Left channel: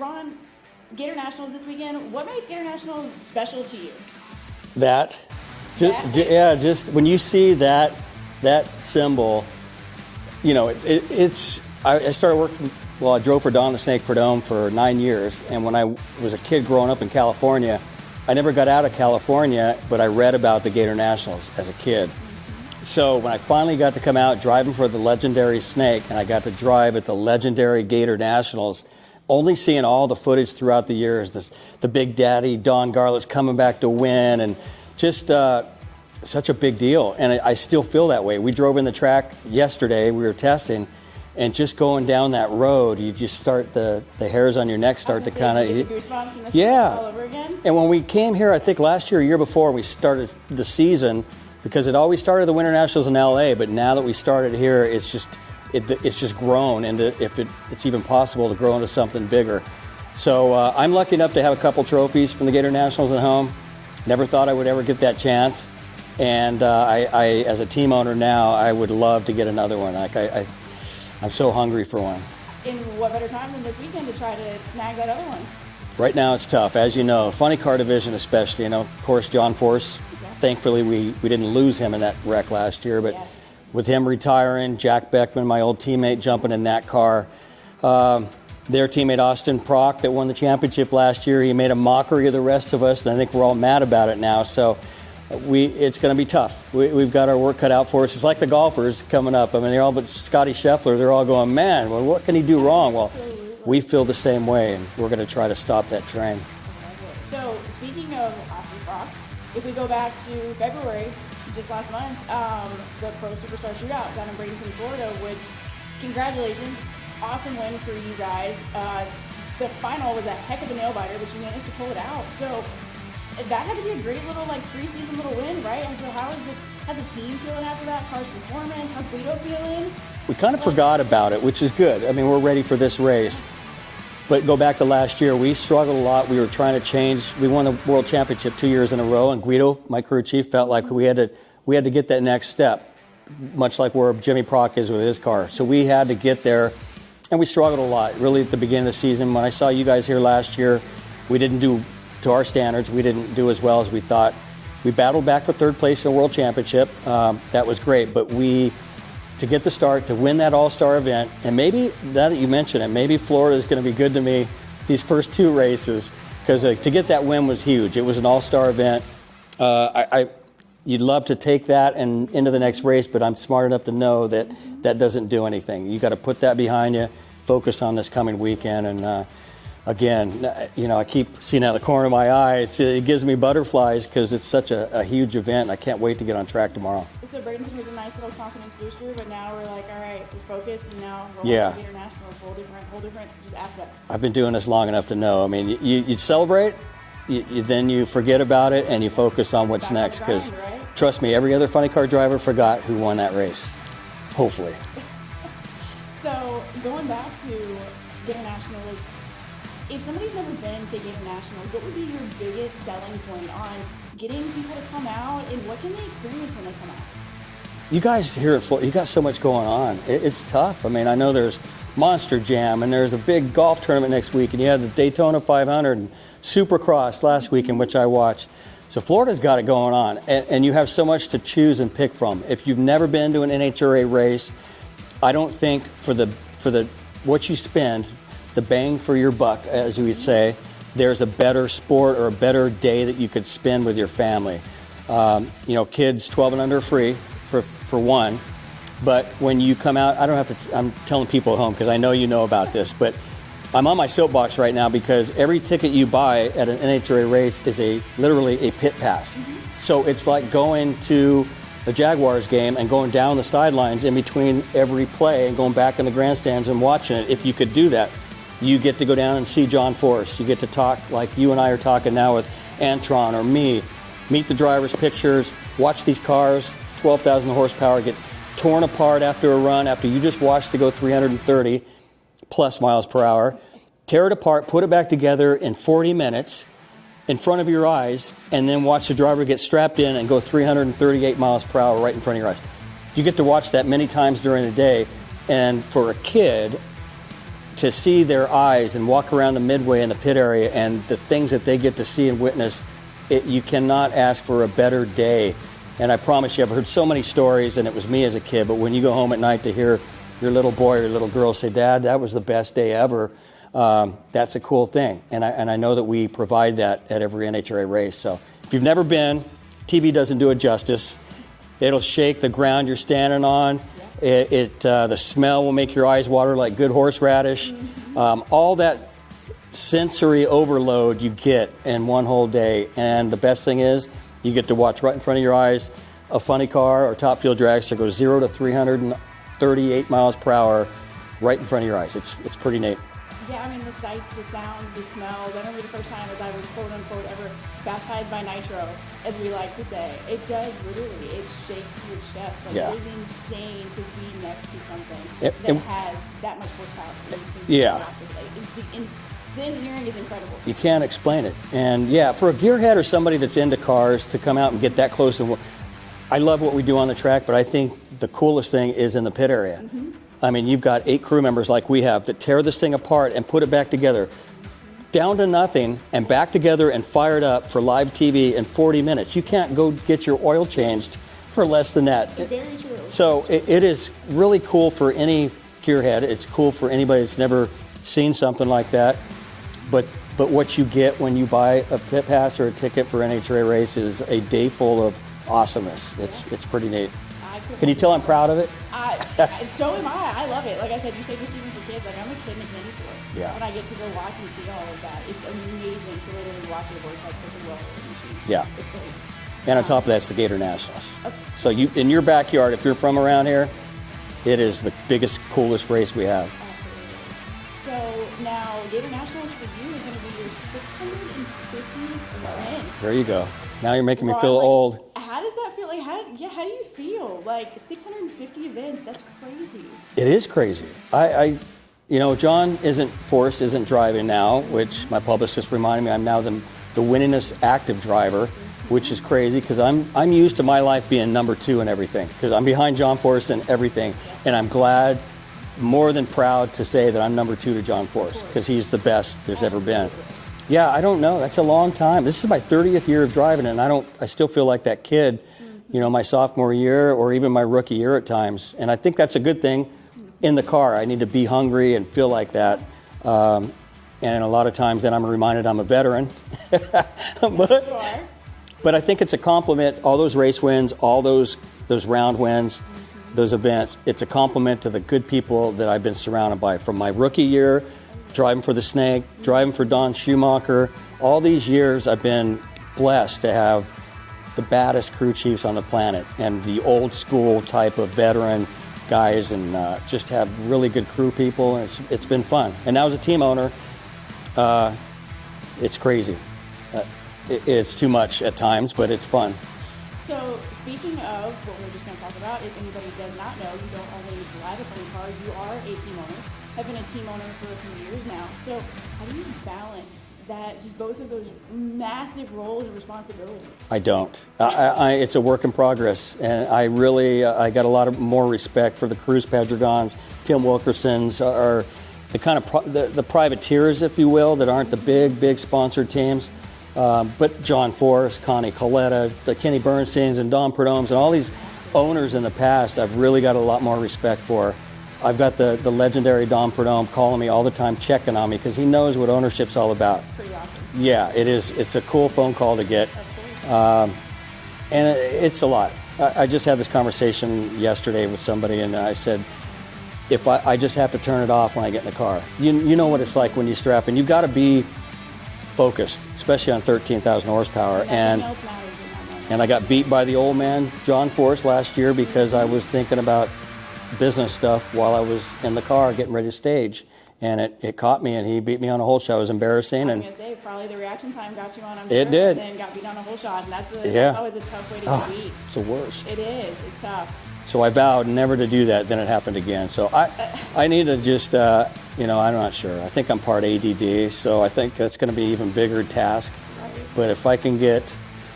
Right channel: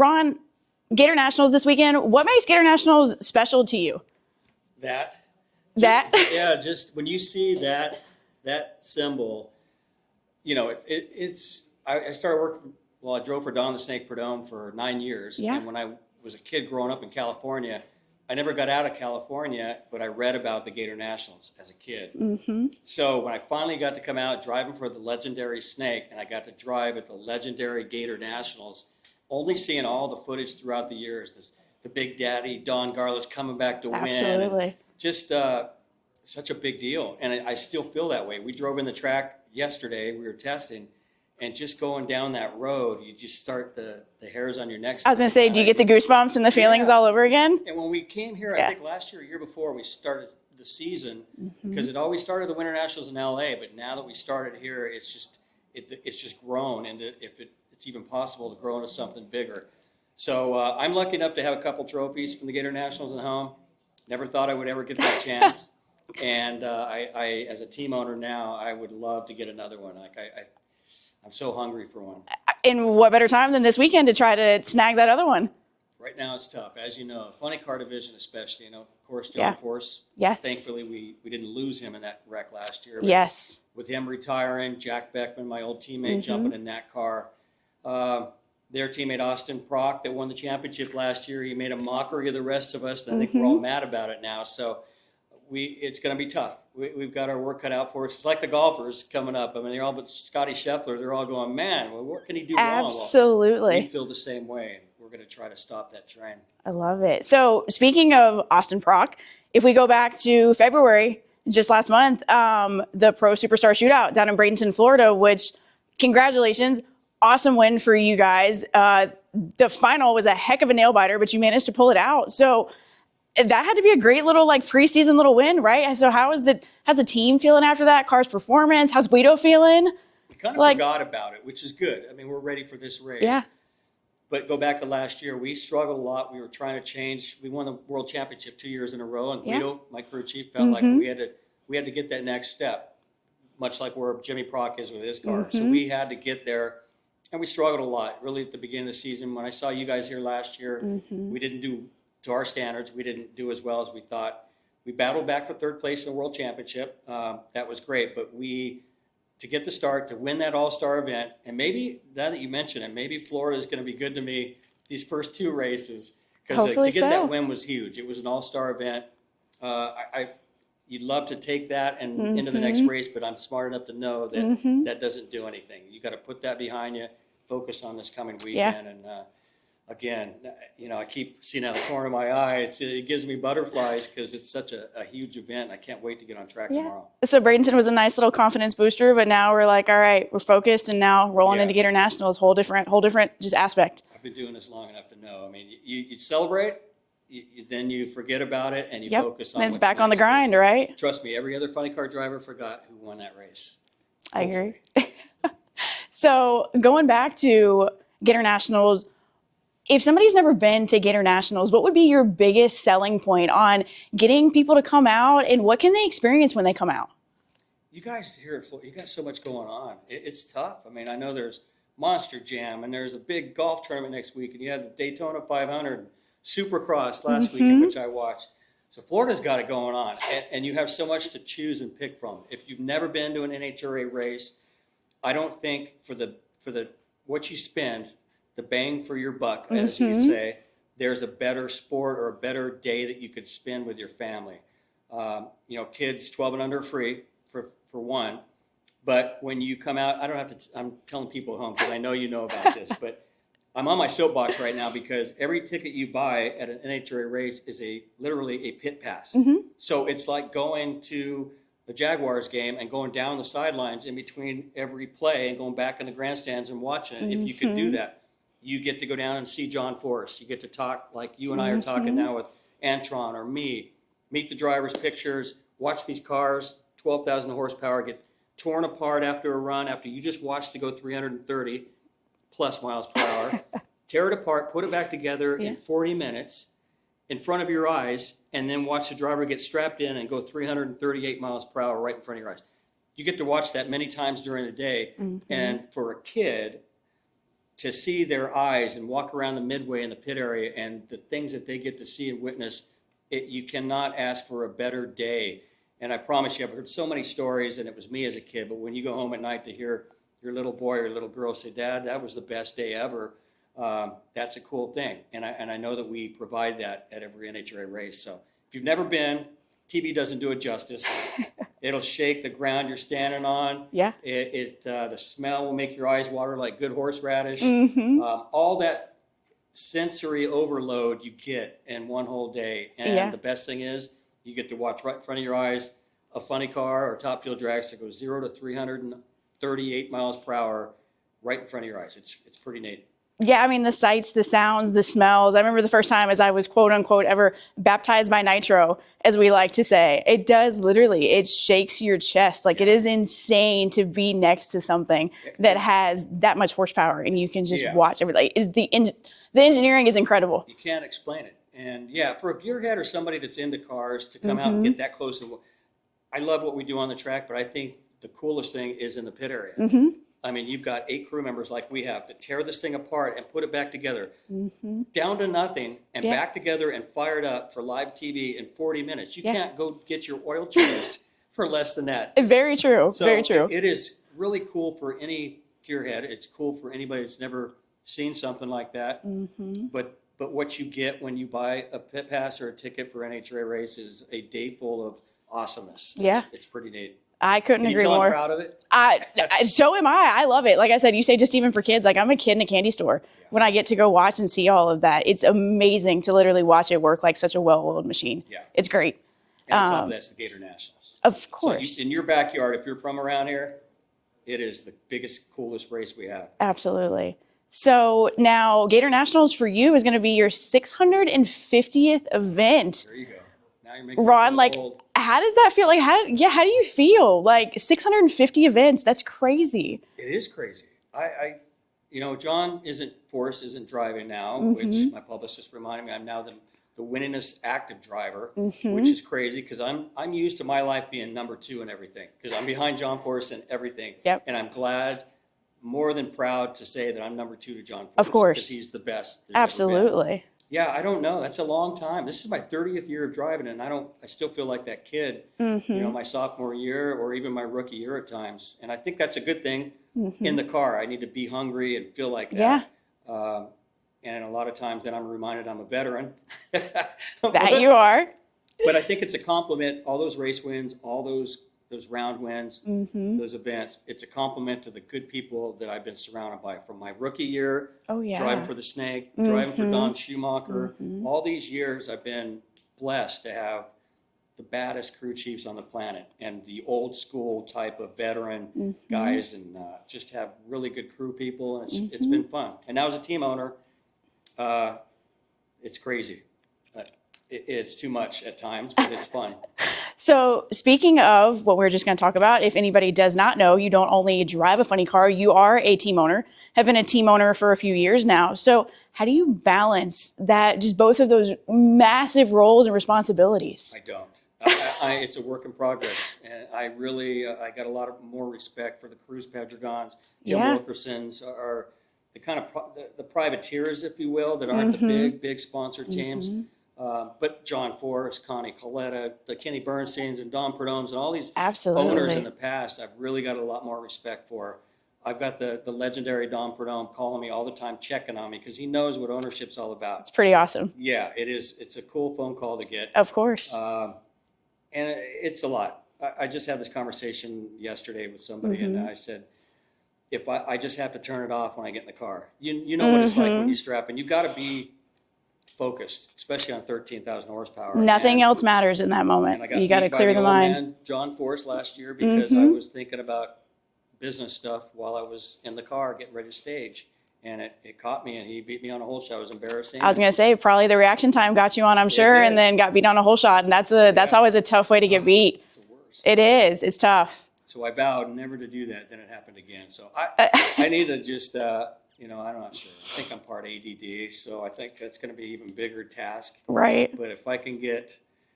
Ron, Gator Nationals this weekend. What makes Gator Nationals special to you? That. That? Just when you see that symbol, you know, I started working, well, I drove for Don the Snake Prudhomme for 9 years. Yeah. And when I was a kid growing up in California, I never got out of California, but I read about the Gator Nationals as a kid. So when I finally got to come out driving for the legendary Snake, and I got to drive at the legendary Gator Nationals, only seeing all the footage throughout the years, the Big Daddy, Don Garlich's coming back to win, and just such a big deal. And I still feel that way. We drove in the track yesterday, we were testing, and just going down that road, you just start, the hairs on your neck start to I was going to say, do you get the goosebumps and the feelings all over again? And when we came here, I think last year, a year before, we started the season, because it always started the Winter Nationals in LA, but now that we started here, it's just grown into, if it's even possible to grow into something bigger. So I'm lucky enough to have a couple trophies from the Gator Nationals at home. Never thought I would ever get that chance. And I, as a team owner now, I would love to get another one. Like I'm so hungry for one. And what better time than this weekend to try to snag that other one? Right now it's tough, as you know. Funny car division especially, you know. Of course, John Force, thankfully we didn't lose him in that wreck last year. But with him retiring, Jack Beckman, my old teammate, jumping in that car. Their teammate Austin Prock that won the championship last year, he made a mockery of the rest of us, and I think we're all mad about it now. So it's going to be tough. We've got our work cut out for us. It's like the golfers coming up. I mean, they're all but Scotty Scheffler. They're all going, man, well, what can he do wrong? Absolutely. Well, we feel the same way, and we're going to try to stop that train. I love it. So speaking of Austin Prock, if we go back to February, just last month, the Pro Superstar Shootout down in Bradenton, Florida, which, congratulations, awesome win for you guys. The final was a heck of a nail biter, but you managed to pull it out. So that had to be a great little preseason little win, right? So how's the team feeling after that? Car's performance? How's Guido feeling? We kind of forgot about it, which is good. I mean, we're ready for this race. Yeah. But go back to last year, we struggled a lot. We were trying to change. We won the World Championship 2 years in a row, and Guido, my crew chief, felt like we had to get that next step, much like where Jimmy Prock is with his car. So we had to get there. And we struggled a lot, really, at the beginning of the season. When I saw you guys here last year, we didn't do, to our standards, we didn't do as well as we thought. We battled back for third place in the World Championship. That was great. But to get the start, to win that all-star event, and maybe, now that you mention it, maybe Florida is going to be good to me these first two races, because to get that win was huge. It was an all-star event. You'd love to take that and into the next race, but I'm smart enough to know that that doesn't do anything. You got to put that behind you, focus on this coming weekend, and again, you know, I keep seeing out of the corner of my eye. It gives me butterflies because it's such a huge event. And I can't wait to get on track tomorrow. So Bradenton was a nice little confidence booster, but now we're like, all right, we're focused, and now rolling into Gator Nationals, whole different just aspect. I've been doing this long enough to know. I mean, you celebrate. Then you forget about it and you focus on what's back next. On the grind, right? Trust me, every other funny car driver forgot who won that race. Hopefully. So going back to Gator Nationals, if somebody's never been to Gator Nationals, what would be your biggest selling point on getting people to come out, and what can they experience when they come out? You guys here at Florida, you got so much going on. It's tough. I mean, I know there's Monster Jam, and there's a big golf tournament next week, and you have the Daytona 500 and Supercross last weekend, which I watched. So Florida's got it going on, and you have so much to choose and pick from. If you've never been to an NHRA race, I don't think for the what you spend, the bang for your buck, as we say, there's a better sport or a better day that you could spend with your family. You know, kids 12 and under free for one. But when you come out, I don't have to, I'm telling people at home because I know you know about this, but I'm on my soapbox right now because every ticket you buy at an NHRA race is literally a pit pass. So it's like going to a Jaguars game and going down the sidelines in between every play and going back in the grandstands and watching it. If you could do that, you get to go down and see John Force. You get to talk like you and I are talking now with Antron or me, meet the drivers' pictures, watch these cars, 12,000 horsepower, get torn apart after a run, after you just watched it go 330 plus miles per hour, tear it apart, put it back together in 40 minutes in front of your eyes, and then watch the driver get strapped in and go 338 miles per hour right in front of your eyes. You get to watch that many times during the day, and for a kid to see their eyes and walk around the midway in the pit area and the things that they get to see and witness, you cannot ask for a better day. And I promise you, I've heard so many stories, and it was me as a kid, but when you go home at night to hear your little boy or your little girl say, Dad, that was the best day ever, that's a cool thing. And I know that we provide that at every NHRA race. So if you've never been, TV doesn't do it justice. It'll shake the ground you're standing on. Yeah. The smell will make your eyes water like good horseradish. All that sensory overload you get in one whole day. And the best thing is, you get to watch right in front of your eyes a funny car or top fuel dragster go 0 to 338 miles per hour right in front of your eyes. It's pretty neat. Yeah, I mean, the sights, the sounds, the smells. I remember the first time as I was, quote unquote, ever baptized by nitro, as we like to say. It does literally, it shakes your chest. Like, it is insane to be next to something that has that much horsepower, and you can just watch everything. The engineering is incredible. You can't explain it. And yeah, for a gearhead or somebody that's into cars to come out and get that close, and I love what we do on the track, but I think the coolest thing is in the pit area. I mean, you've got 8 crew members like we have that tear this thing apart and put it back together, down to nothing, and back together and fired up for live TV in 40 minutes. You can't go get your oil changed for less than that. Very true. So very true. It is really cool for any gearhead. It's cool for anybody that's never seen something like that. But what you get when you buy a pit pass or a ticket for an NHRA race is a day full of awesomeness. It's pretty neat. I couldn't agree more. Can you tell I'm proud of it? So am I. I love it. Like I said, you say just even for kids. Like, I'm a kid in a candy store. When I get to go watch and see all of that, it's amazing to literally watch it work like such a well-oiled machine. Yeah. It's great. And on top of that, it's the Gator Nationals. Of course. So in your backyard, if you're from around here, it is the biggest, coolest race we have. Absolutely. So now Gator Nationals for you is going to be your 650th event. There you go. Now you're making me feel old. How does that feel? Like, how do you feel? Like, 650 events, that's crazy. It is crazy. John Forrest isn't driving now, which my publicist reminded me I'm now the winningest active driver, which is crazy because I'm used to my life being number 2 in everything because I'm behind John Forrest in everything. And I'm glad, more than proud to say that I'm number 2 to John Forrest. Of course. Because he's the best there's ever been. Absolutely. Yeah, I don't know. That's a long time. This is my 30th year of driving, and I still feel like that kid, my sophomore year or even my rookie year at times. And I think that's a good thing in the car. I need to be hungry and feel like that. And a lot of times then I'm reminded I'm a veteran. That you are. But I think it's a compliment, all those race wins, all those round wins, those events. It's a compliment to the good people that I've been surrounded by from my rookie year, driving for the Snake, driving for Don Schumacher. All these years I've been blessed to have the baddest crew chiefs on the planet and the old school type of veteran guys, and just have really good crew people. And it's been fun. And now as a team owner, it's crazy. It's too much at times, but it's fun. So speaking of what we're just going to talk about, if anybody does not know, you don't only drive a funny car, you are a team owner, have been a team owner for a few years now. So how do you balance that, just both of those massive roles and responsibilities? I don't. It's a work in progress. And I really, I got a lot of more respect for the Cruz Pedregons, Tim Wilkersons, are the kind of the privateers, if you will, that aren't the big sponsored teams. But John Forrest, Connie Coletta, the Kenny Bernsteins, and Don Perdomes, and all these owners in the past, I've really got a lot more respect for. I've got the legendary Don Perdome calling me all the time, checking on me, because he knows what ownership's all about. It's pretty awesome. Yeah, it is. It's a cool phone call to get. Of course. And it's a lot. I just had this conversation yesterday with somebody, and I said, if I just have to turn it off when I get in the car. You know what it's like when you strap in. You've got to be focused, especially on 13,000 horsepower. Nothing else matters in that moment. And I got beat by the old man, John Forrest, last year because I was thinking about business stuff while I was in the car getting ready to stage. And it caught me, and he beat me on a hole shot. It was embarrassing. I was going to say, probably the reaction time got you on, I'm sure, and then got beat on a hole shot. And that's always a tough way to get beat. It's the worst. It is. It's tough. So I vowed never to do that. Then it happened again. So I need to just, I'm not sure. I think I'm part ADD, so I think that's going to be an even bigger task. Right. But if I can get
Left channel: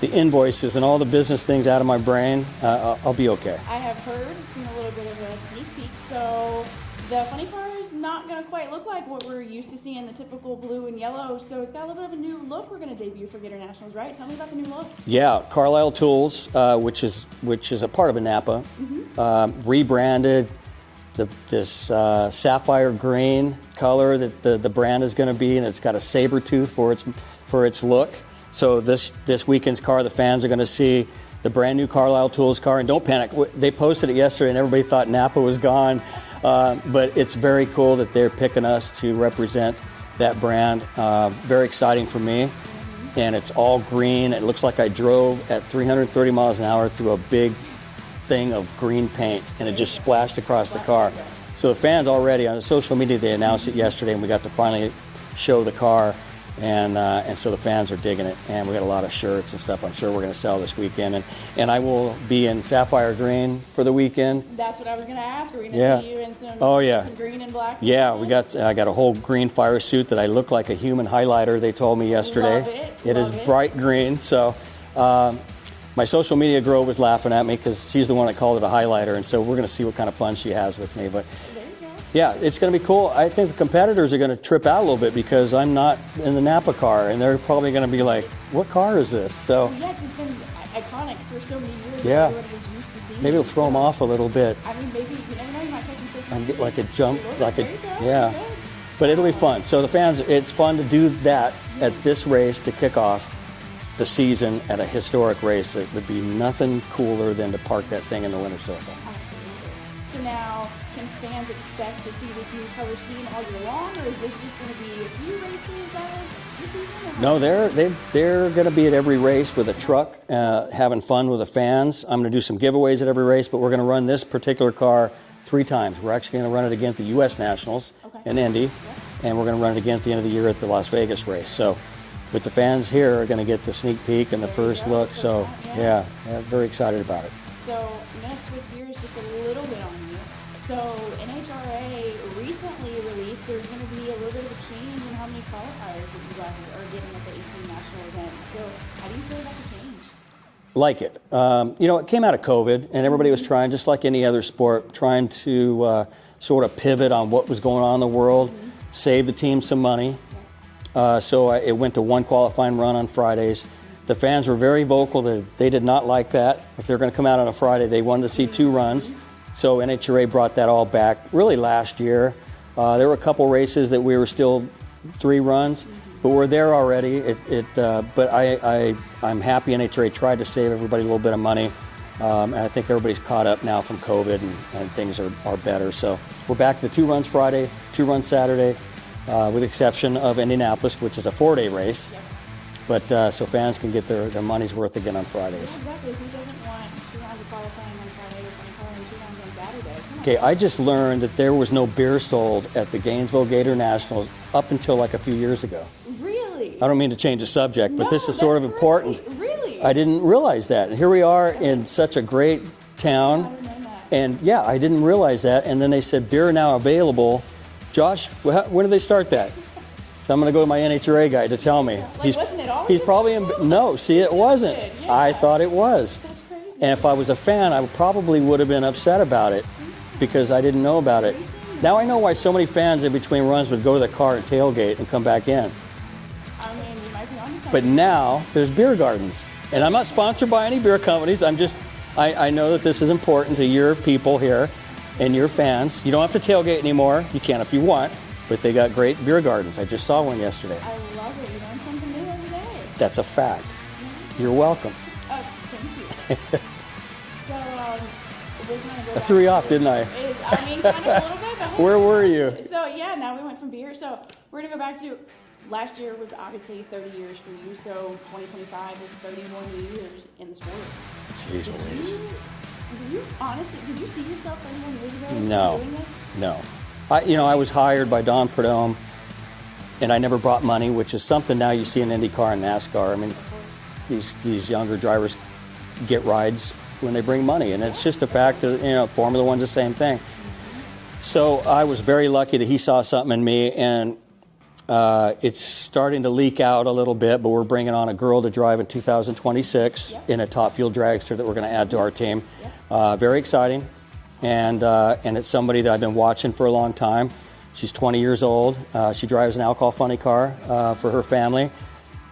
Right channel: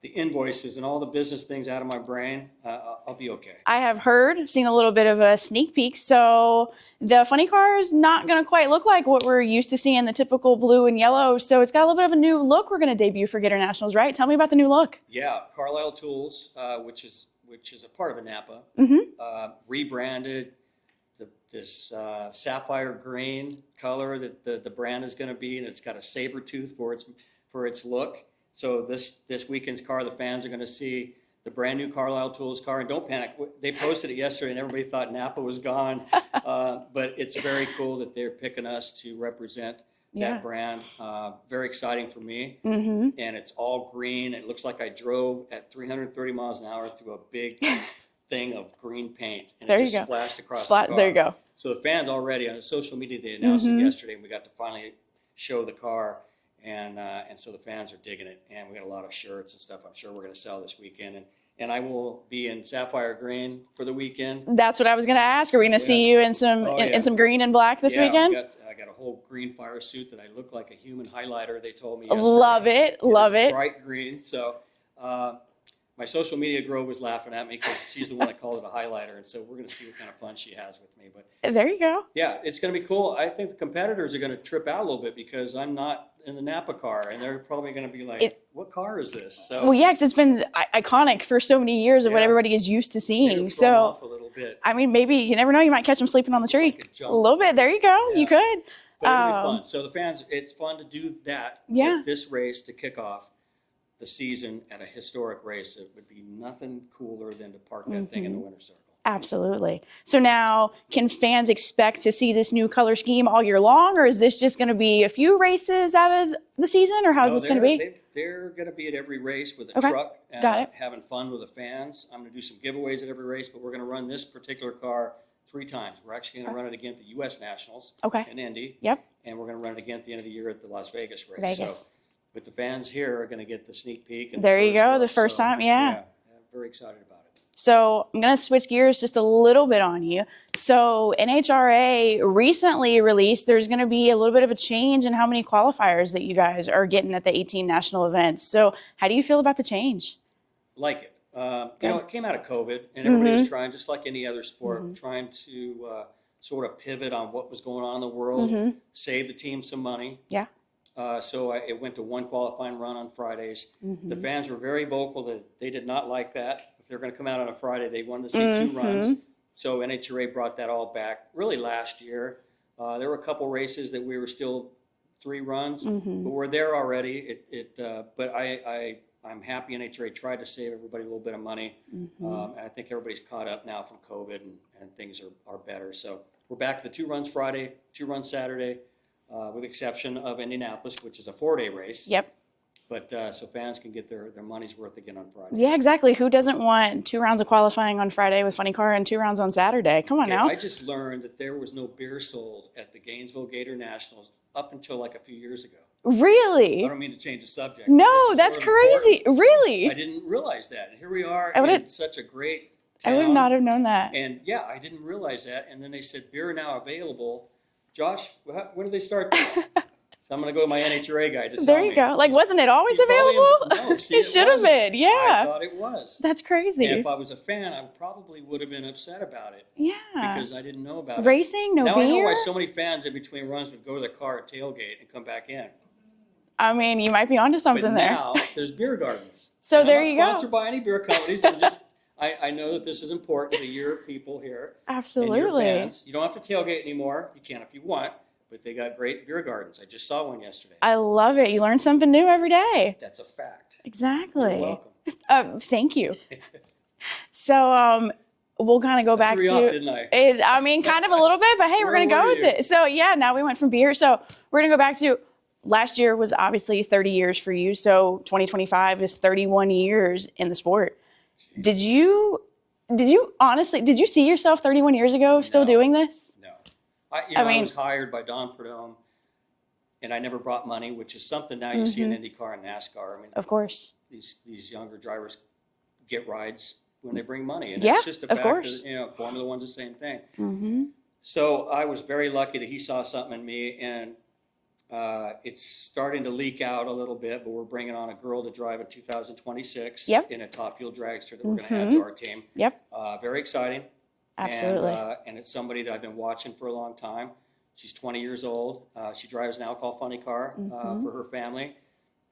the invoices and all the business things out of my brain, I'll be okay. I have seen a little bit of a sneak peek. So The funny car is not going to quite look like what we're used to seeing, the typical blue and yellow. So it's got a little bit of a new look we're going to debut for Gator Nationals, right? Tell me about the new look. Yeah, Carlisle Tools, which is a part of a Napa, rebranded. This sapphire green color that the brand is going to be, and it's got a saber tooth for its look. So this weekend's car, the fans are going to see the brand new Carlisle Tools car, and don't panic. They posted it yesterday, and everybody thought Napa was gone, but it's very cool that they're picking us to represent that brand. Very exciting for me, and it's all green. It looks like I drove at 330 miles an hour through a big thing of green paint, and it just splashed across the car. There you go. So the fans already on social media, they announced it yesterday, and we got to finally show the car. And so the fans are digging it, and we got a lot of shirts and stuff I'm sure we're going to sell this weekend. And I will be in sapphire green for the weekend. That's what I was going to ask. Are we going to see you in some in some green and black this weekend? Yeah, I got a whole green fire suit that I look like a human highlighter, they told me yesterday. Love it. Love it. It is bright green. So my social media girl was laughing at me because she's the one that called it a highlighter, and so we're going to see what kind of fun she has with me. But there you go. Yeah, it's going to be cool. I think the competitors are going to trip out a little bit because I'm not in the Napa car, and they're probably going to be like, what car is this? So, well, yeah, because it's been iconic for so many years of what everybody is used to seeing. Maybe it'll throw them off a little bit. I mean, maybe, you never know, you might catch them sleeping on the tree. Like a jump. A little bit, there you go, you could. But it'll be fun. So the fans, it's fun to do that at this race to kick off the season at a historic race. It would be nothing cooler than to park that thing in the winter circle. Absolutely. So now, can fans expect to see this new color scheme all year long, or is this just going to be a few races out of the season, or how's this going to be? They're going to be at every race with a truck, having fun with the fans. I'm going to do some giveaways at every race, but we're going to run this particular car 3 times. We're actually going to run it again at the U.S. Nationals in Indy, and we're going to run it again at the end of the year at the Las Vegas race. So, with the fans here, are going to get the sneak peek and the first look. There you go, the first time, yeah, very excited about it. So I'm going to switch gears just a little bit on you. So NHRA recently released there's going to be a little bit of a change in how many qualifiers that you guys are getting at the 18 national events. So how do you feel about the change? Like it. You know, it came out of COVID, and everybody was trying, just like any other sport, trying to sort of pivot on what was going on in the world, save the team some money. Yeah. So it went to 1 qualifying run on Fridays. The fans were very vocal that they did not like that. If they're going to come out on a Friday, they wanted to see 2 runs. So NHRA brought that all back really last year. There were a couple races that we were still 3 runs, but we're there already. But I'm happy NHRA tried to save everybody a little bit of money. And I think everybody's caught up now from COVID, and things are better. So we're back to the 2 runs Friday, 2 runs Saturday. With the exception of Indianapolis, which is a 4-day race. Yep. But so fans can get their money's worth again on Fridays. Yeah, exactly. Who doesn't want 2 rounds of qualifying on Friday with funny car and 2 rounds on Saturday? Come on now. I just learned that there was no beer sold at the Gainesville Gator Nationals up until like a few years ago. Really? I don't mean to change the subject, but this is sort of crazy. important. Really? I didn't realize that. And here we are in such a great town. I would not have known that. And yeah, I didn't realize that. And then they said beer now available. Josh, when did they start that? So I'm going to go to my NHRA guy to tell me. There you go. Like, wasn't it always available? No, see, it wasn't. Been, I thought it was. That's crazy. And if I was a fan, I probably would have been upset about it because I didn't know about it. Racing, no Now beer? I know why so many fans in between runs would go to the car and tailgate and come back in. I mean, you might be onto something. But now there's beer gardens. So and I'm not sponsored by any beer companies. I'm just, I know that this is important to your people here and your fans. You don't have to tailgate anymore. You can if you want. But they got great beer gardens. I just saw one yesterday. I love it. You learn something new every day. That's a fact. Exactly. You're welcome. Thank you. So we'll kind of go back to... I threw you off, didn't I? I mean, kind of a little bit, but hey, we're going to go with it. So yeah, now we went from beer. So we're going to go back to... Last year was obviously 30 years for you, so 2025 is 31 years in the sport. Jeez, did you honestly, did you see yourself 31 years ago still doing this? No. I was hired by Don Prudhomme, and I never brought money, which is something now you see in IndyCar and NASCAR. I mean, of course, these younger drivers get rides when they bring money, and it's just a fact that, Formula One's the same thing. So I was very lucky that he saw something in me, and it's starting to leak out a little bit, but we're bringing on a girl to drive in 2026 in a Top Fuel dragster that we're going to add to our team. Very exciting. and it's somebody that I've been watching for a long time. She's 20 years old. She drives an alcohol funny car for her family,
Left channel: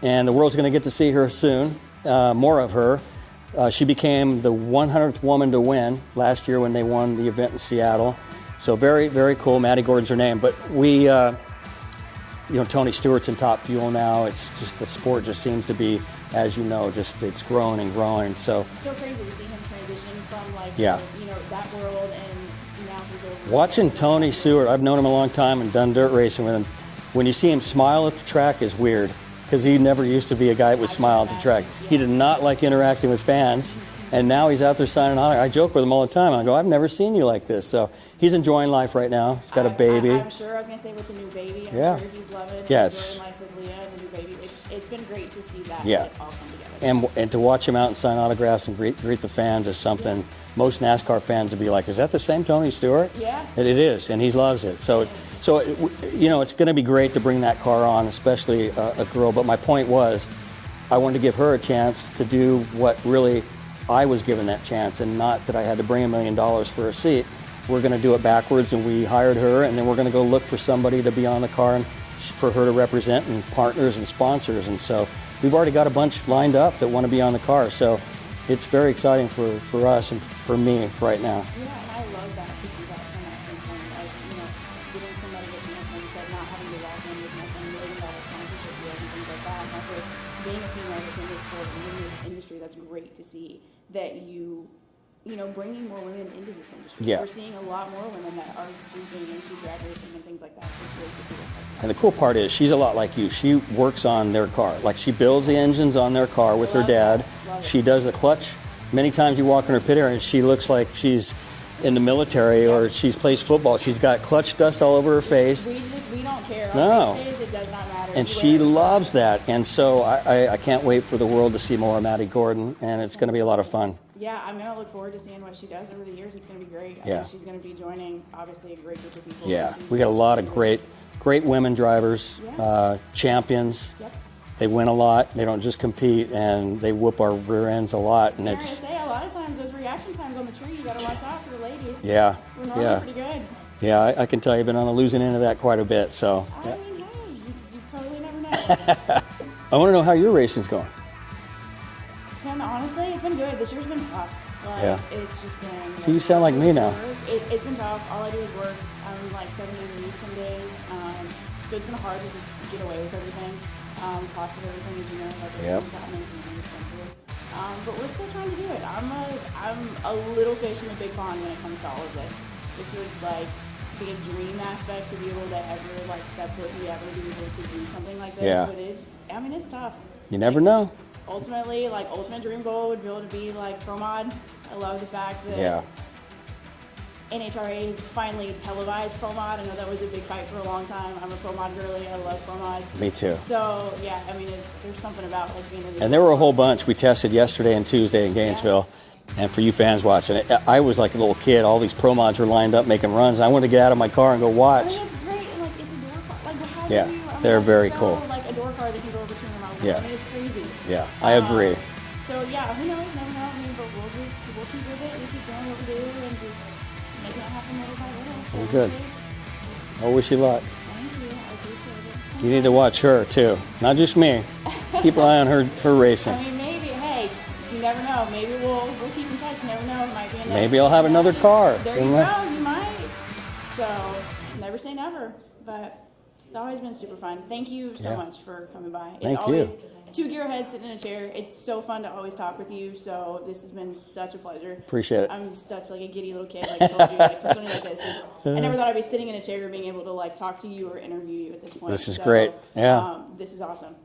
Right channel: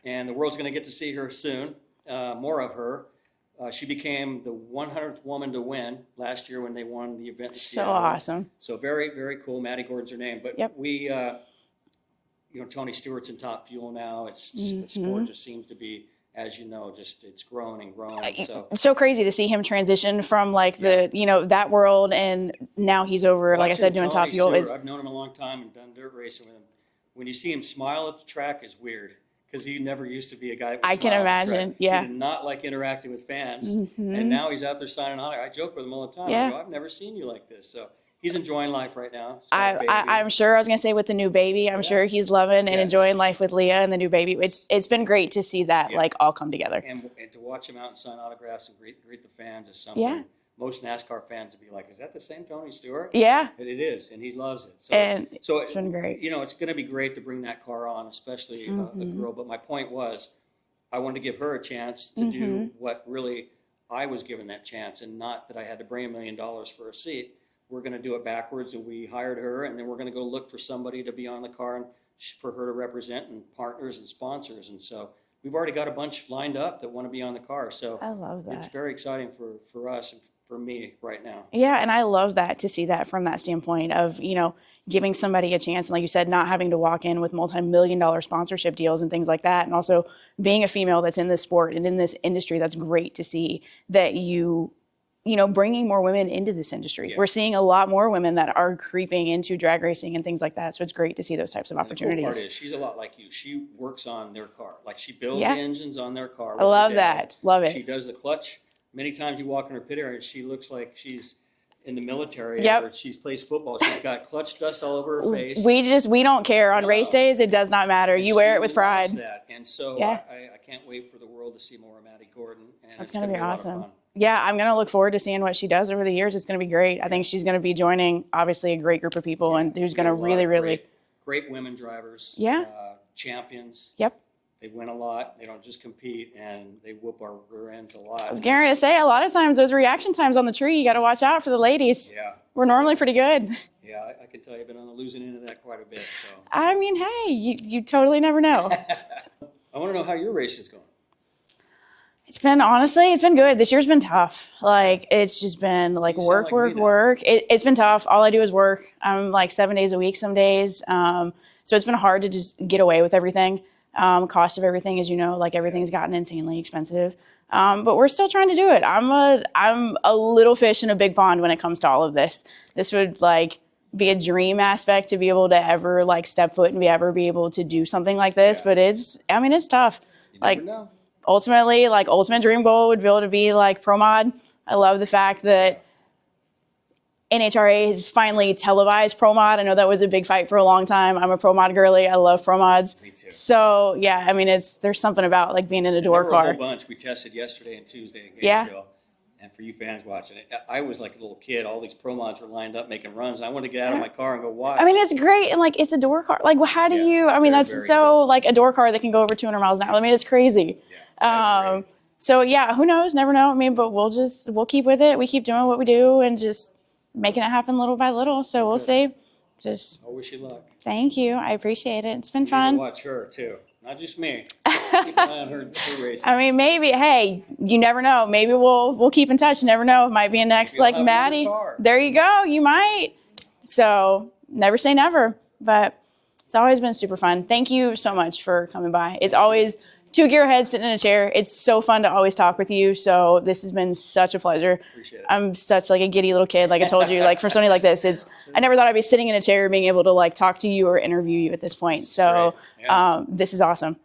and the world's going to get to see her soon. More of her. She became the 100th woman to win last year when they won the event in Seattle. Awesome. So very, very cool. Maddie Gordon's her name. But we, Tony Stewart's in Top Fuel now. It's just the sport just seems to be, as you know, just it's growing and growing. So it's so crazy to see him transition from like the that world, and now he's over. Watching like I said, doing Tony Top Fuel Stewart, I've known him a long time and done dirt racing with him. When you see him smile at the track is weird. Because he never used to be a guy that would smile at the track. He did not like interacting with fans, and now he's out there signing on. I joke with him all the time. I go, I've never seen you like this. So he's enjoying life right now. He's got a baby. I'm sure, I was going to say with the new baby, I'm sure he's loving and enjoying life with Leah and the new baby. It's been great to see that like all come together. And to watch him out and sign autographs and greet the fans is something most NASCAR fans would be like, is that the same Tony Stewart? Yeah. It is, and he loves it. So it's going to be great to bring that car on, especially a girl. But my point was, I wanted to give her a chance to do what really I was given that chance, and not that I had to bring $1 million for a seat. We're going to do it backwards, and we hired her, and then we're going to go look for somebody to be on the car and for her to represent, and partners and sponsors. And so we've already got a bunch lined up that want to be on the car. So it's very exciting for us and for me right now. Yeah, and I love that, to see that from that standpoint of, giving somebody a chance, and like you said, not having to walk in with multi-million-dollar sponsorship deals and things like that. And also being a female that's in this sport and in this industry, that's great to see that bringing more women into this industry. Yeah. We're seeing a lot more women that are creeping into drag racing and things like that. So it's great to see those types of opportunities. And the cool part is she's a lot like you. She works on their car. Like she builds the engines on their car with her dad. That. Love it. She does the clutch. Many times you walk in her pit area and she looks like she's in the military or she's plays football. She's got clutch dust all over her face. We don't care. On race days, it does not matter. And you wear it with pride. She loves that. And so I can't wait for the world to see more of Maddie Gordon, and it's going to be a lot of fun. Yeah, I'm going to look forward to seeing what she does over the years. It's going to be great. I think she's going to be joining, obviously, a great group of people, and who's going to really, great women drivers, champions. Yep. They win a lot. They don't just compete, and they whoop our rear ends a lot. I was going to say, a lot of times, those reaction times on the tree, you got to watch out for the ladies. Yeah. We're normally pretty good. Yeah, I can tell you've been on the losing end of that quite a bit. So. I mean, hey, you totally never know. I want to know how your racing's going. Honestly, it's been good. This year's been tough. It's just been work. It's been tough. All I do is work. I'm like 7 days a week some days. So it's been hard to just get away with everything. Cost of everything, as you know, everything's gotten insanely expensive. But we're still trying to do it. I'm a little fish in a big pond when it comes to all of this. This would be a dream aspect to be able to ever step foot and ever be able to do something like this. But it's tough. You never know. Ultimately, ultimate dream goal would be able to be pro mod. I love the fact that NHRA has finally televised pro mod. I know that was a big fight for a long time. I'm a pro mod girly. I love pro mods. Me too. So yeah, there's something about being in a door car. And there were a whole bunch. We tested yesterday and Tuesday in Gainesville. And for you fans watching it, I was like a little kid. All these pro mods were lined up making runs. I wanted to get out of my car and go watch. It's great, and it's a door car. How do you? That's so cool. A door car that can go over 200 miles an hour. It's crazy. Yeah, I agree. So yeah, who knows? Never know. But we'll keep with it. We keep doing what we do and just making it happen little by little. So we'll see. I wish you luck. Thank you. I appreciate it. It's been fun. You need to watch her too, not just me. Keep an eye on her racing. Maybe. Hey, you never know. Maybe we'll keep in touch. You never know. It might be a next Maybe I'll have Maddie. Another car. There you go. You might. So never say never. But it's always been super fun. Thank you so much for coming by. It's always two gearheads sitting in a chair. It's so fun to always talk with you. So this has been such a pleasure. Appreciate it. I'm such a giddy little kid, like I told you. For something like this, I never thought I'd be sitting in a chair being able to talk to you or interview you at this point. This is great. Yeah. This is awesome.